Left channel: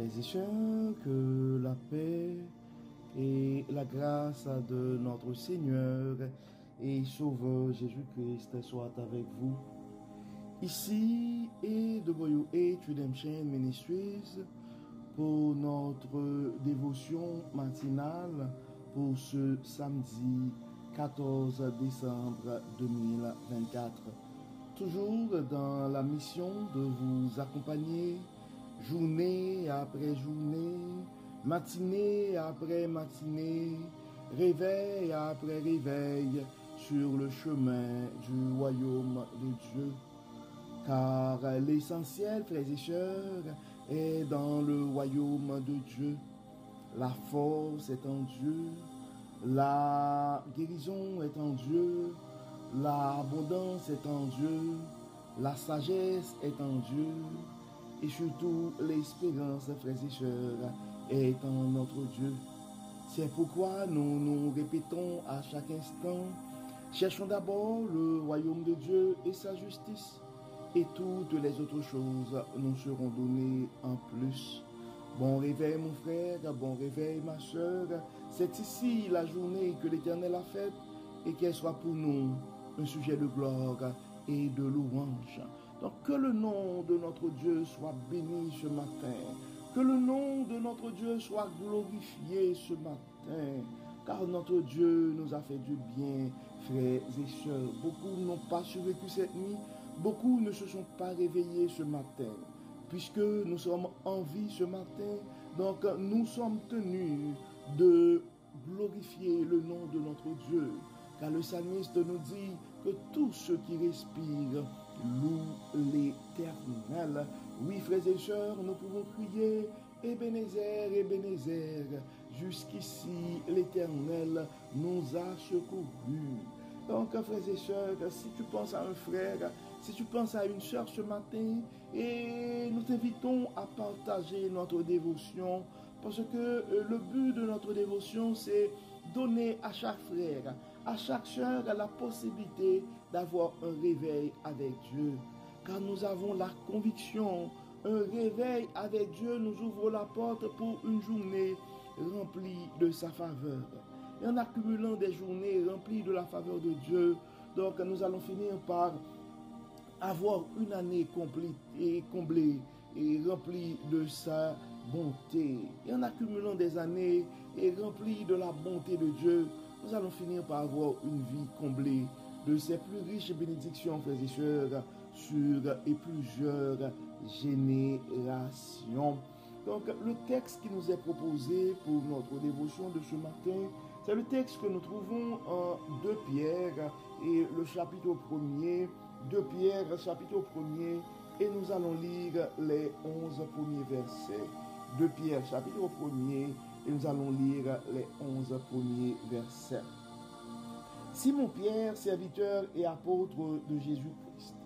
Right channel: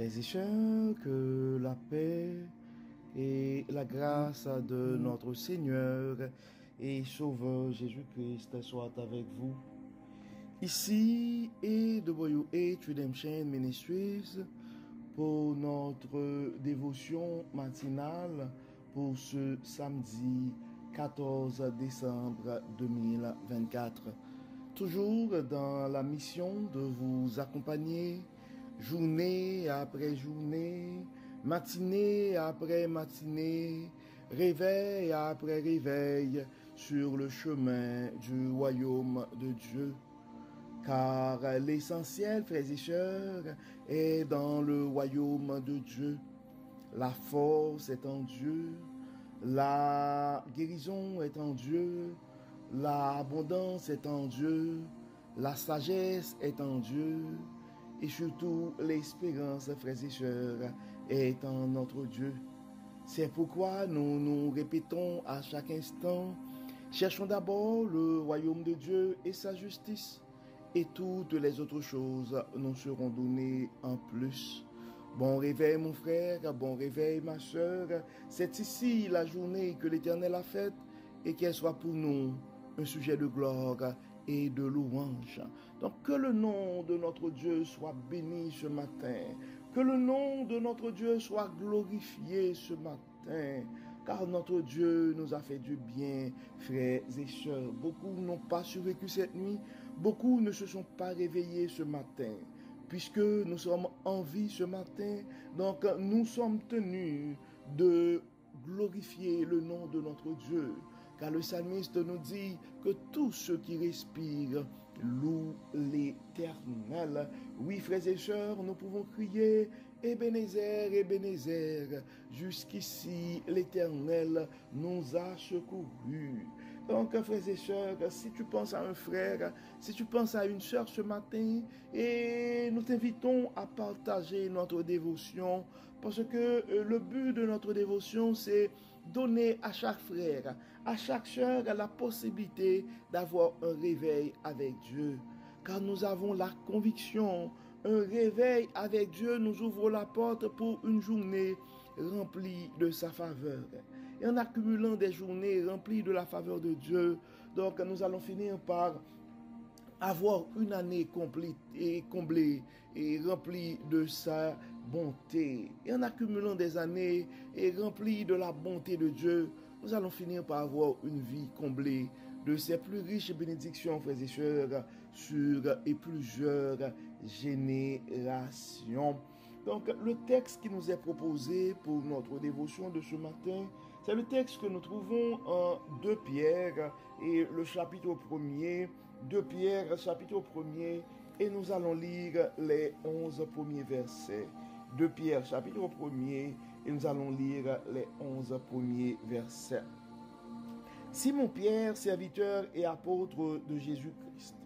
Frères et sœurs, que la paix et la grâce de notre Seigneur et Sauveur Jésus-Christ soient avec vous. Ici est The Redemption Ministries pour notre dévotion matinale pour ce samedi 14 décembre 2024. Toujours dans la mission de vous accompagner journée après journée, matinée après matinée, réveil après réveil sur le chemin du royaume de Dieu. Car l'essentiel, frères et sœurs, est dans le royaume de Dieu. La force est en Dieu, la guérison est en Dieu, l'abondance est en Dieu, la sagesse est en Dieu, et surtout l'espérance, frères et sœurs, est en notre Dieu. C'est pourquoi nous nous répétons à chaque instant, cherchons d'abord le royaume de Dieu et sa justice, et toutes les autres choses nous seront données en plus. Bon réveil mon frère, bon réveil ma sœur, c'est ici la journée que l'Éternel a faite, et qu'elle soit pour nous un sujet de gloire et de louange. Donc que le nom de notre Dieu soit béni ce matin, que le nom de notre Dieu soit glorifié ce matin, car notre Dieu nous a fait du bien, frères et sœurs. Beaucoup n'ont pas survécu cette nuit, beaucoup ne se sont pas réveillés ce matin, puisque nous sommes en vie ce matin, donc nous sommes tenus de glorifier le nom de notre Dieu. Car le psalmiste nous dit que tous ceux qui respirent louent l'Éternel. Oui, frères et sœurs, nous pouvons crier Ebenezer, Ebenezer. Jusqu'ici, l'Éternel nous a secourus. Donc, frères et sœurs, si tu penses à un frère, si tu penses à une sœur ce matin, et nous t'invitons à partager notre dévotion, parce que le but de notre dévotion, c'est donner à chaque frère, à chaque sœur la possibilité d'avoir un réveil avec Dieu. Car nous avons la conviction, un réveil avec Dieu nous ouvre la porte pour une journée remplie de sa faveur. Et en accumulant des journées remplies de la faveur de Dieu, donc nous allons finir par avoir une année complète et comblée et remplie de sa bonté. Et en accumulant des années et remplies de la bonté de Dieu, nous allons finir par avoir une vie comblée de ses plus riches bénédictions, frères et sœurs, sur et plusieurs générations. Donc, le texte qui nous est proposé pour notre dévotion de ce matin, c'est le texte que nous trouvons en 2 Pierre et le chapitre 1er, 2 Pierre, chapitre 1er, et nous allons lire les 11 premiers versets. 2 Pierre, chapitre 1er, et nous allons lire les 11 premiers versets. Simon Pierre, serviteur et apôtre de Jésus-Christ,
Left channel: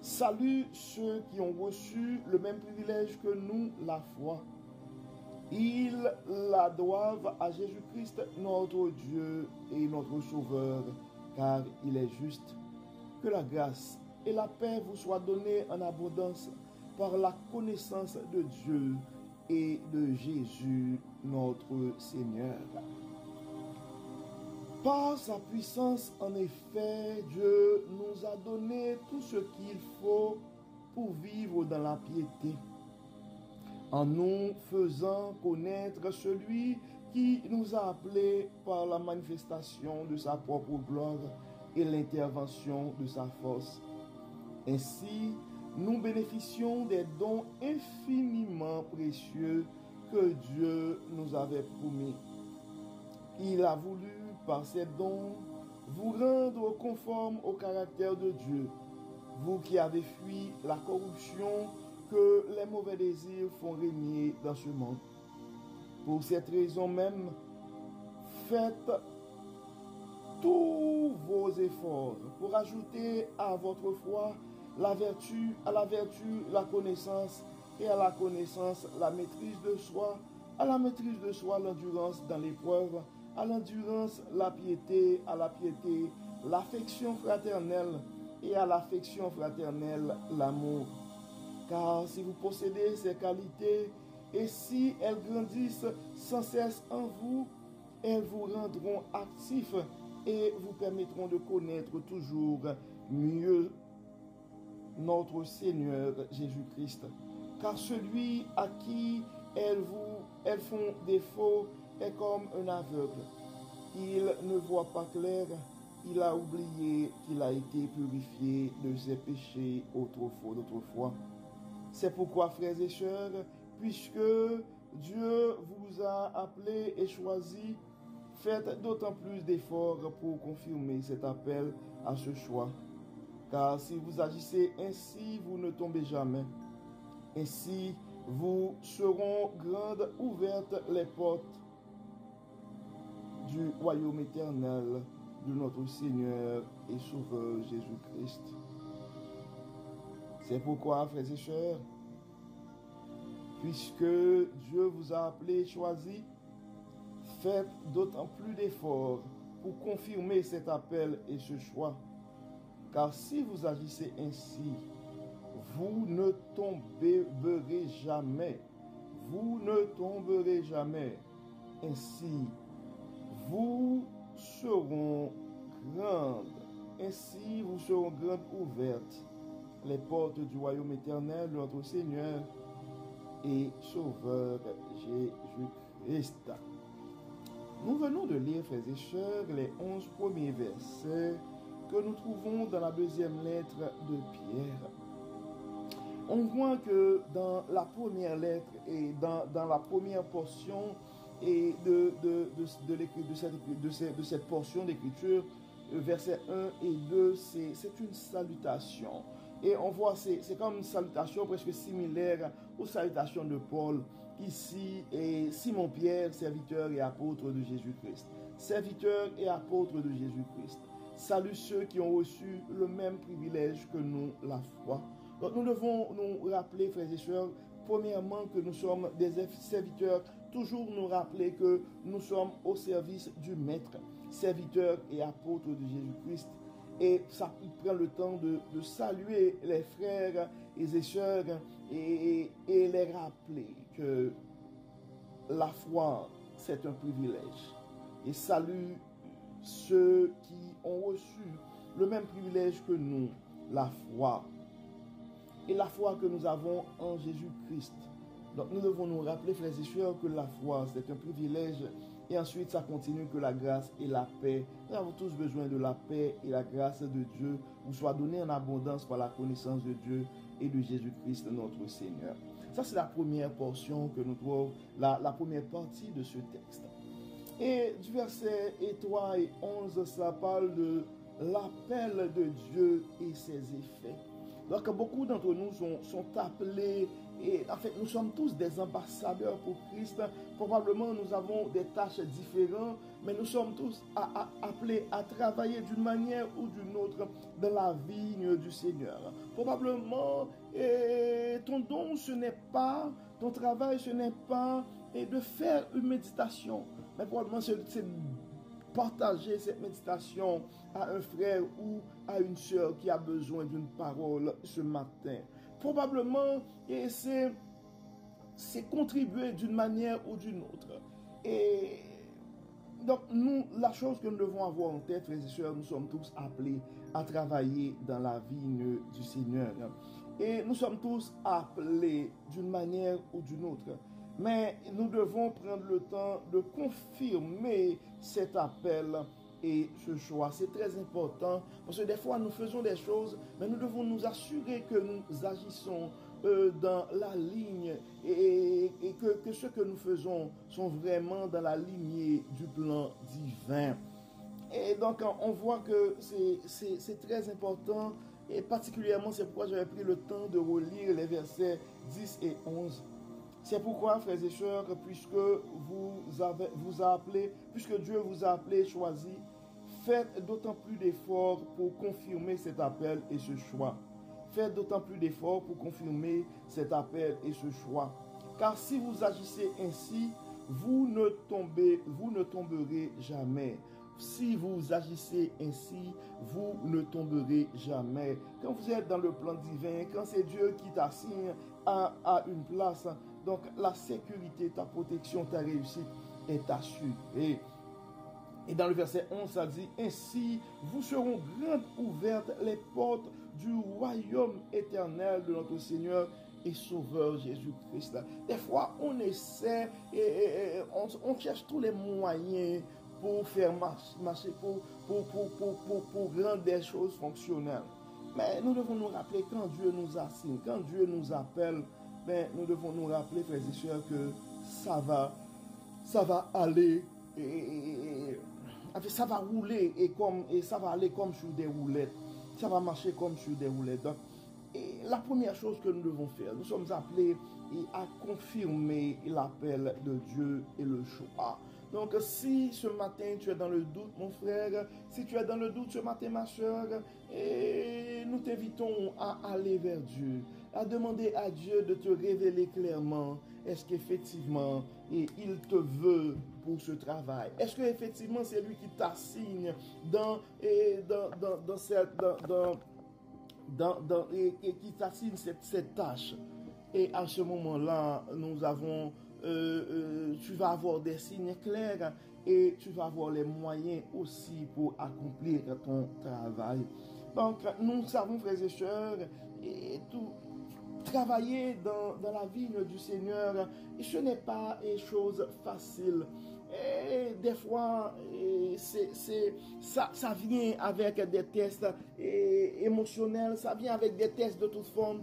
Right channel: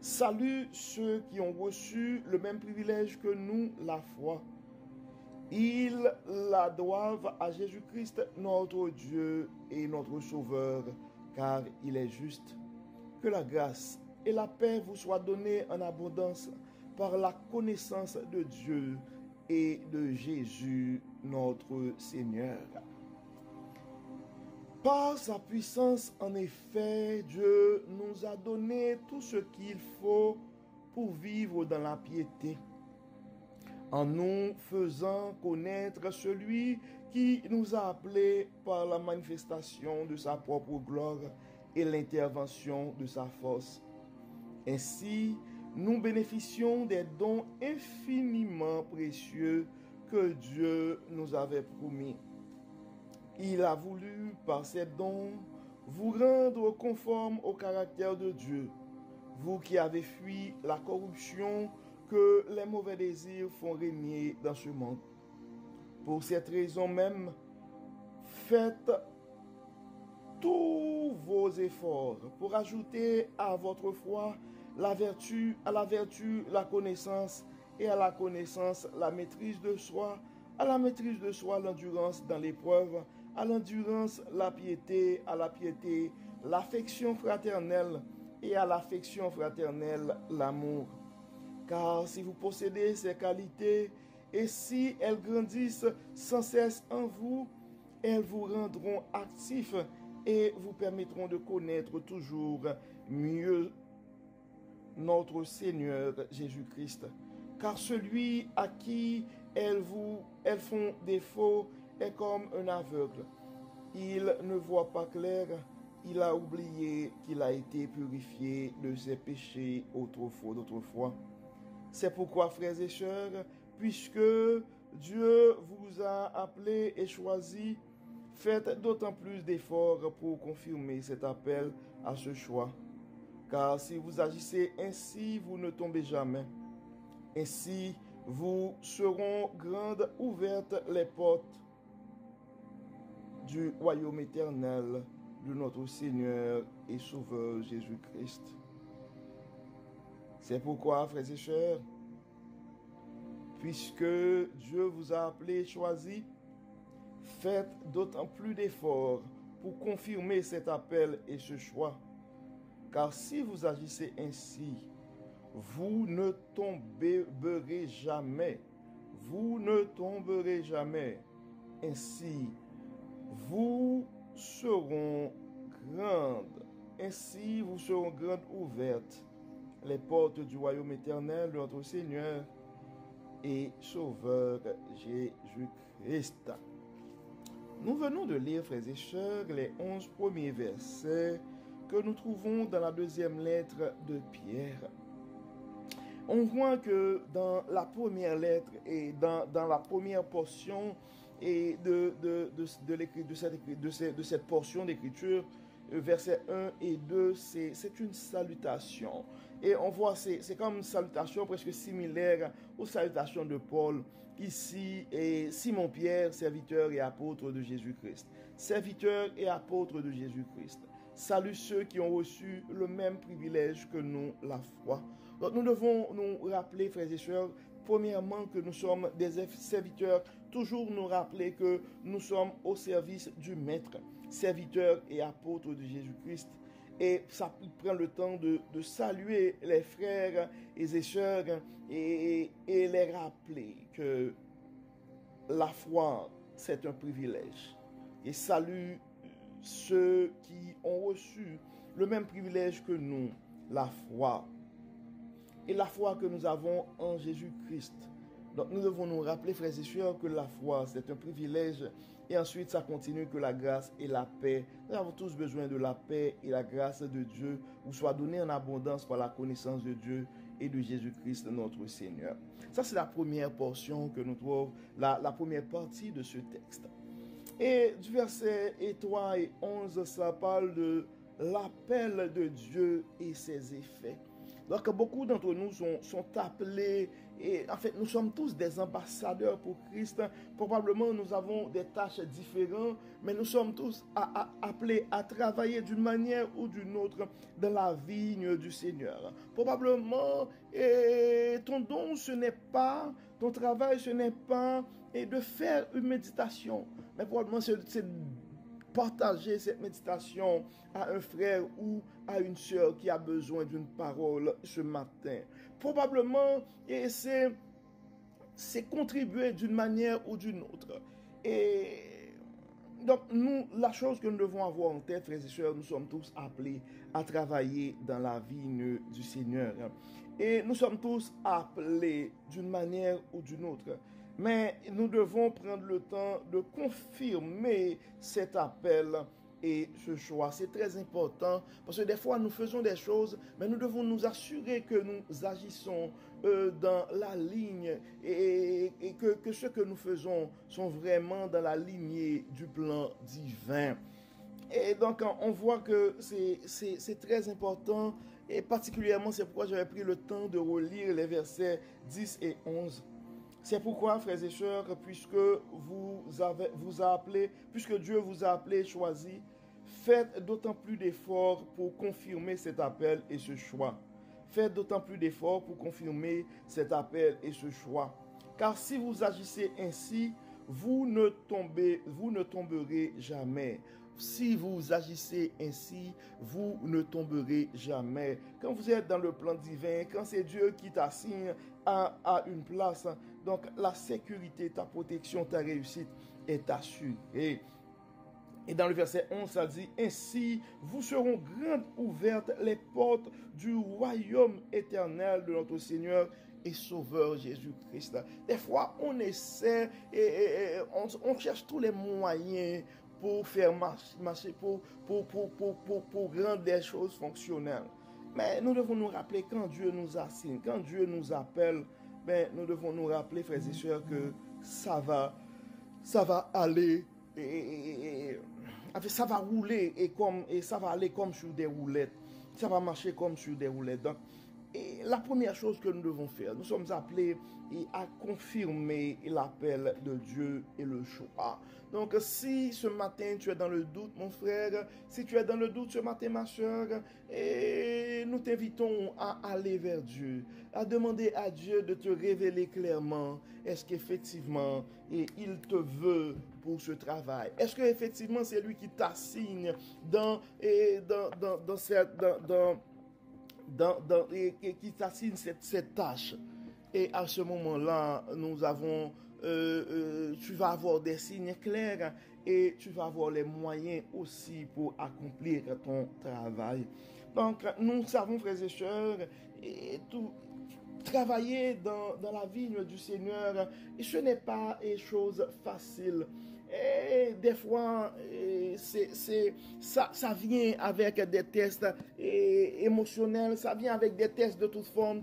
salue ceux qui ont reçu le même privilège que nous, la foi. Ils la doivent à Jésus-Christ, notre Dieu et notre Sauveur, car il est juste. Que la grâce et la paix vous soient données en abondance par la connaissance de Dieu et de Jésus, notre Seigneur. Par sa puissance, en effet, Dieu nous a donné tout ce qu'il faut pour vivre dans la piété, en nous faisant connaître celui qui nous a appelés par la manifestation de sa propre gloire et l'intervention de sa force. Ainsi, nous bénéficions des dons infiniment précieux que Dieu nous avait promis. Il a voulu, par ces dons, vous rendre conformes au caractère de Dieu, vous qui avez fui la corruption que les mauvais désirs font régner dans ce monde. Pour cette raison même, faites tous vos efforts pour ajouter à votre foi la vertu, à la vertu la connaissance, et à la connaissance la maîtrise de soi, à la maîtrise de soi l'endurance dans l'épreuve, à l'endurance la piété, à la piété l'affection fraternelle, et à l'affection fraternelle l'amour. Car si vous possédez ces qualités Et si elles grandissent sans cesse en vous, elles vous rendront actifs et vous permettront de connaître toujours mieux notre Seigneur Jésus-Christ. Car celui à qui elles font défaut est comme un aveugle. Il ne voit pas clair, il a oublié qu'il a été purifié de ses péchés d'autrefois. C'est pourquoi, frères et sœurs, puisque Dieu vous a appelé et choisi, faites d'autant plus d'efforts pour confirmer cet appel à ce choix. Car si vous agissez ainsi, vous ne tombez jamais. Ainsi, vous seront grandes ouvertes les portes du royaume éternel de notre Seigneur et Sauveur Jésus-Christ. C'est pourquoi, frères et sœurs, puisque Dieu vous a appelé et choisi, faites d'autant plus d'efforts pour confirmer cet appel et ce choix. Car si vous agissez ainsi, vous ne tomberez jamais. Vous ne tomberez jamais. Ainsi, vous seront grandes. Ainsi, vous seront grandes ouvertes les portes du royaume éternel de notre Seigneur et Sauveur Jésus-Christ. Nous venons de lire, frères et sœurs, les 11 premiers versets que nous trouvons dans la deuxième lettre de Pierre. On voit que dans la première lettre et dans la première portion et de cette portion d'écriture, versets 1 et 2, c'est une salutation. Et on voit, c'est comme une salutation presque similaire aux salutations de Paul. Ici, et Simon-Pierre, serviteur et apôtre de Jésus-Christ. Serviteur et apôtre de Jésus-Christ. Salut ceux qui ont reçu le même privilège que nous, la foi. Donc nous devons nous rappeler, frères et sœurs, premièrement que nous sommes des serviteurs, toujours nous rappeler que nous sommes au service du Maître, serviteurs et apôtres de Jésus-Christ. Et ça prend le temps de saluer les frères et les sœurs et les rappeler que la foi, c'est un privilège. Et salue ceux qui ont reçu le même privilège que nous, la foi. Et la foi que nous avons en Jésus-Christ. Donc nous devons nous rappeler, frères et sœurs, que la foi, c'est un privilège. Et ensuite, ça continue que la grâce et la paix. Nous avons tous besoin de la paix et la grâce de Dieu, vous soit donnée en abondance par la connaissance de Dieu et de Jésus-Christ, notre Seigneur. Ça, c'est la première portion que nous trouvons, la première partie de ce texte. Et du verset 3 et 11, ça parle de l'appel de Dieu et ses effets. Donc, beaucoup d'entre nous sont appelés, et en fait, nous sommes tous des ambassadeurs pour Christ. Probablement, nous avons des tâches différentes, mais nous sommes tous appelés à travailler d'une manière ou d'une autre dans la vigne du Seigneur. Probablement, ton don, ce n'est pas, ton travail, ce n'est pas de faire une méditation, mais probablement c'est partager cette méditation à un frère ou à une sœur qui a besoin d'une parole ce matin. Probablement, et c'est contribuer d'une manière ou d'une autre. Et donc, la chose que nous devons avoir en tête, frères et sœurs, nous sommes tous appelés à travailler dans la vigne du Seigneur. Et nous sommes tous appelés d'une manière ou d'une autre. Mais nous devons prendre le temps de confirmer cet appel et ce choix. C'est très important parce que des fois nous faisons des choses, mais nous devons nous assurer que nous agissons dans la ligne et que ce que nous faisons sont vraiment dans la lignée du plan divin. Et donc on voit que c'est très important et particulièrement c'est pourquoi j'avais pris le temps de relire les versets 10 et 11. C'est pourquoi, frères et sœurs, puisque Dieu vous a appelé et choisi, faites d'autant plus d'efforts pour confirmer cet appel et ce choix. Faites d'autant plus d'efforts pour confirmer cet appel et ce choix. Car si vous agissez ainsi, vous ne tomberez jamais. Si vous agissez ainsi, vous ne tomberez jamais. Quand vous êtes dans le plan divin, quand c'est Dieu qui t'assigne à une place, Donc, la sécurité, ta protection, ta réussite est assurée. Et dans le verset 11, ça dit, ainsi vous seront grandes ouvertes les portes du royaume éternel de notre Seigneur et Sauveur Jésus-Christ. Des fois, on essaie et on cherche tous les moyens pour faire marcher, pour rendre des choses fonctionnelles. Mais nous devons nous rappeler quand Dieu nous assigne, quand Dieu nous appelle, ben, nous devons nous rappeler, frères et sœurs, que ça va aller et ça va rouler et ça va aller comme sur des roulettes. Ça va marcher comme sur des roulettes. Donc, et la première chose que nous devons faire, nous sommes appelés à confirmer l'appel de Dieu et le choix. Donc, si ce matin tu es dans le doute, mon frère, si tu es dans le doute ce matin, ma soeur, et nous t'invitons à aller vers Dieu, à demander à Dieu de te révéler clairement, est-ce qu'effectivement il te veut pour ce travail? Est-ce qu'effectivement c'est lui qui t'assigne qui t'assigne cette tâche? Et à ce moment-là, tu vas avoir des signes clairs et tu vas avoir les moyens aussi pour accomplir ton travail. Donc, nous savons, frères et sœurs, travailler dans la vigne du Seigneur, ce n'est pas une chose facile. Et des fois, ça vient avec des tests émotionnels, ça vient avec des tests de toute forme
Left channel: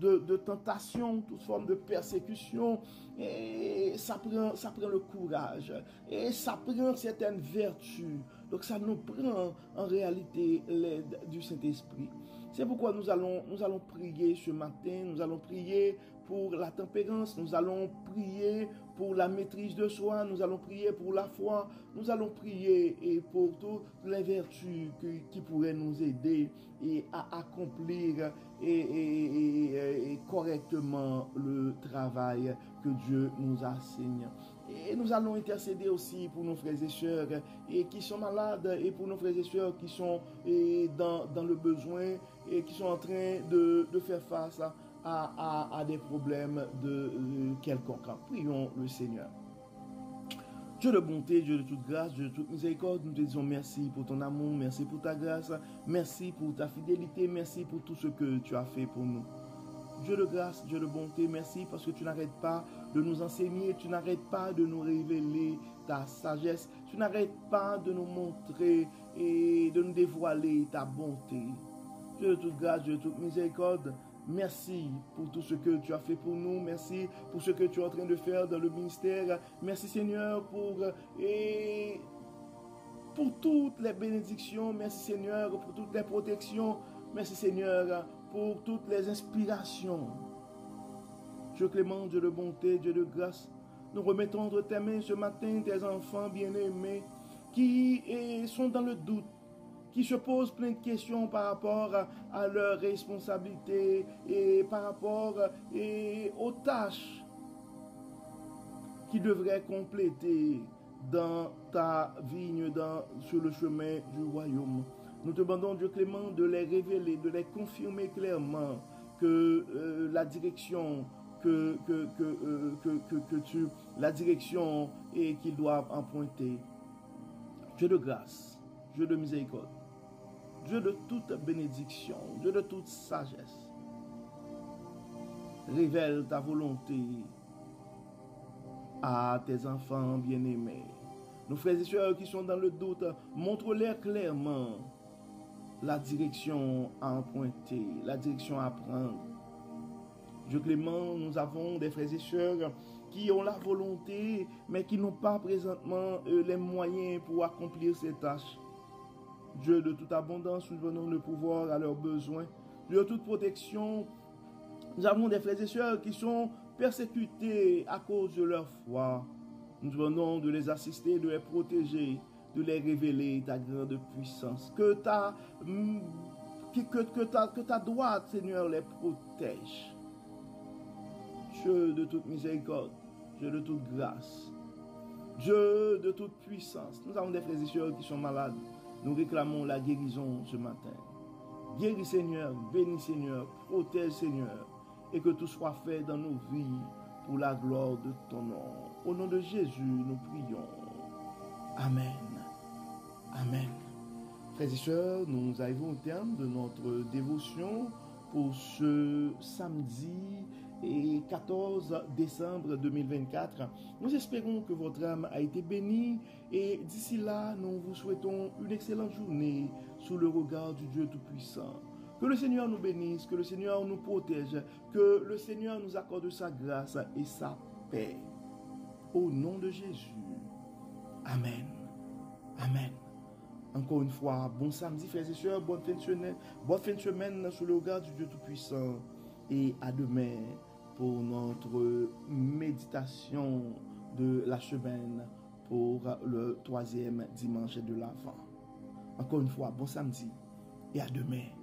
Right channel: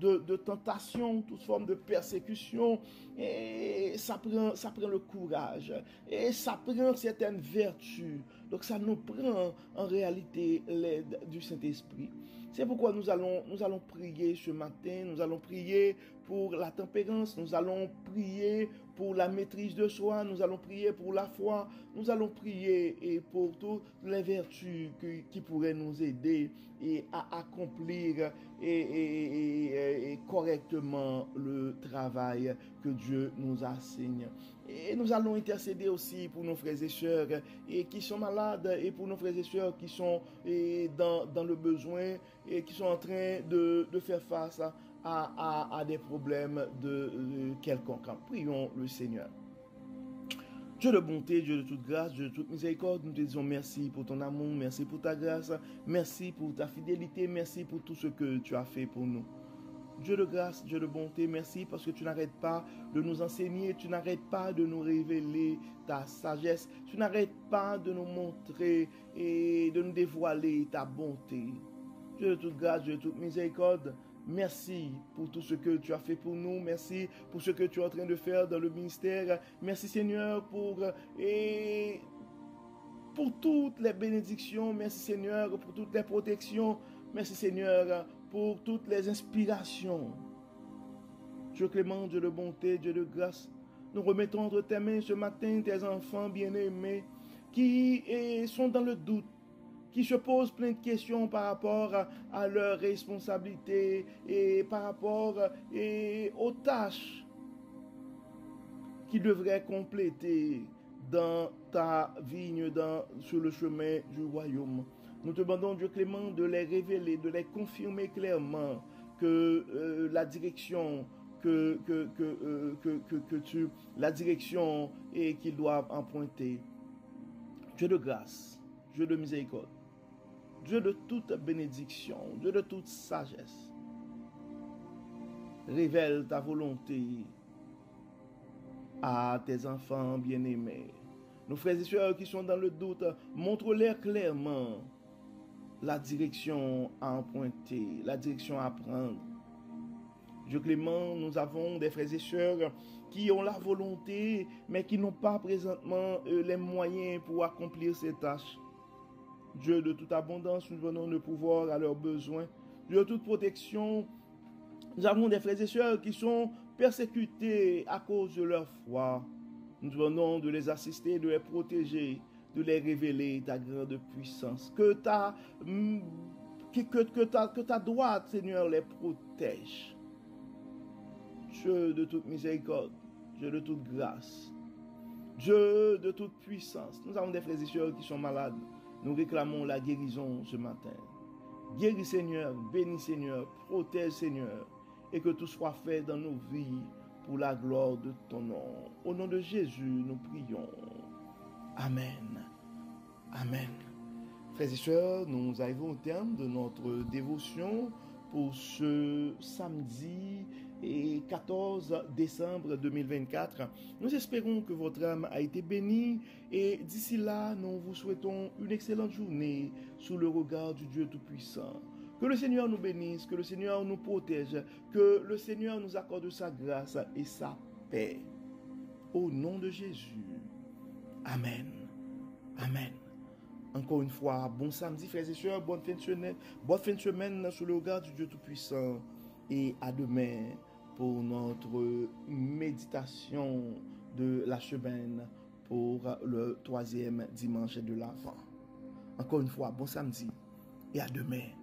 de tentation, toute forme de persécution. Et ça prend le courage. Et ça prend certaines vertus. Donc ça nous prend en réalité l'aide du Saint-Esprit. C'est pourquoi nous allons prier ce matin, nous allons prier pour la tempérance, nous allons prier pour la maîtrise de soi, nous allons prier pour la foi, nous allons prier et pour toutes les vertus qui pourraient nous aider à accomplir et correctement le travail que Dieu nous assigne. Et nous allons intercéder aussi pour nos frères et sœurs qui sont malades et pour nos frères et sœurs qui sont dans le besoin et qui sont en train de faire face à des problèmes de quelconque. Prions le Seigneur. Dieu de bonté, Dieu de toute grâce, Dieu de toute miséricorde, nous te disons merci pour ton amour, merci pour ta grâce, merci pour ta fidélité, merci pour tout ce que tu as fait pour nous. Dieu de grâce, Dieu de bonté, merci parce que tu n'arrêtes pas de nous enseigner, tu n'arrêtes pas de nous révéler ta sagesse, tu n'arrêtes pas de nous montrer et de nous dévoiler ta bonté. Dieu de toute grâce, Dieu de toute miséricorde, merci pour tout ce que tu as fait pour nous. Merci pour ce que tu es en train de faire dans le ministère. Merci Seigneur pour toutes les bénédictions. Merci Seigneur pour toutes les protections. Merci Seigneur pour toutes les inspirations. Dieu clément, Dieu de bonté, Dieu de grâce, nous remettons entre tes mains ce matin tes enfants bien-aimés qui sont dans le doute, qui se posent plein de questions par rapport à leurs responsabilités et par rapport aux tâches qu'ils devraient compléter dans ta vigne, sur le chemin du royaume. Nous te demandons, Dieu clément, de les révéler, de les confirmer clairement que la direction la direction qu'ils doivent emprunter. Dieu de grâce, Dieu de miséricorde, Dieu de toute bénédiction, Dieu de toute sagesse, révèle ta volonté à tes enfants bien-aimés. Nos frères et sœurs qui sont dans le doute, montre-leur clairement la direction à emprunter, la direction à prendre. Dieu clément, nous avons des frères et sœurs qui ont la volonté, mais qui n'ont pas présentement les moyens pour accomplir ces tâches. Dieu de toute abondance, nous donnons le pouvoir à leurs besoins. Dieu de toute protection, nous avons des frères et sœurs qui sont persécutés à cause de leur foi. Nous demandons de les assister, de les protéger, de les révéler ta grande puissance. Que ta droite, Seigneur, les protège. Dieu de toute miséricorde, Dieu de toute grâce, Dieu de toute puissance. Nous avons des frères et sœurs qui sont malades. Nous réclamons la guérison ce matin. Guéris Seigneur, bénis Seigneur, protège Seigneur, et que tout soit fait dans nos vies pour la gloire de ton nom. Au nom de Jésus, nous prions. Amen. Amen. Frères et sœurs, nous arrivons au terme de notre dévotion pour ce samedi et 14 décembre 2024. Nous espérons que votre âme a été bénie et d'ici là, nous vous souhaitons une excellente journée sous le regard du Dieu Tout-Puissant. Que le Seigneur nous bénisse, que le Seigneur nous protège, que le Seigneur nous accorde sa grâce et sa paix. Au nom de Jésus. Amen. Amen. Encore une fois, bon samedi, frères et sœurs, bonne fin de semaine sous le regard du Dieu Tout-Puissant. Et à demain pour notre méditation de la semaine pour le 3e dimanche de l'Avent. Encore une fois, bon samedi et à demain.